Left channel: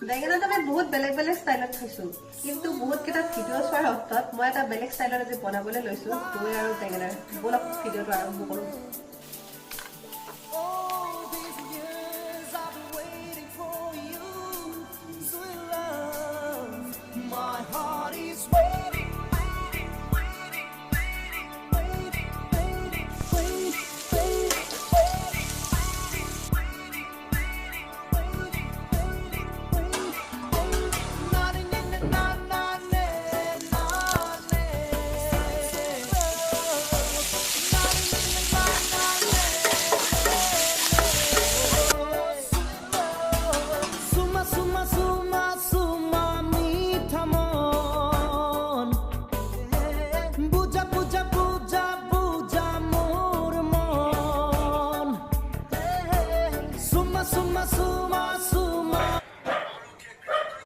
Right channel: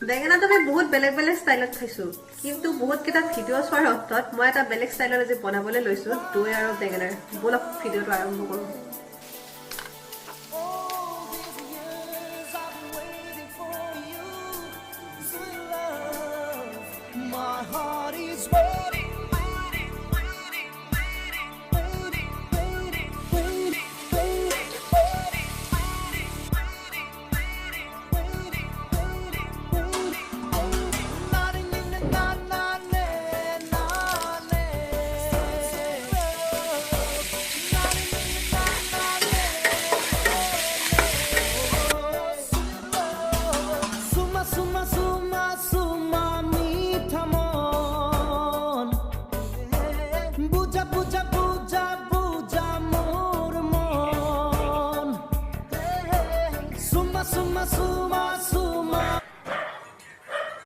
বেঙেনাটো আমি বহুত বেলেগ বেলেগ ষ্টাইলত খাইছো কিন্তু বহুত কেইটা ভিডিঅ' চোৱাৰ অন্তত মই এটা বেলেগ ষ্টাইলত আজি বনাবলৈ লৈছো দৈ আৰু বেঙেনাৰ বলক ভিডিঅ'টো আৰম্ভ কৰোঁ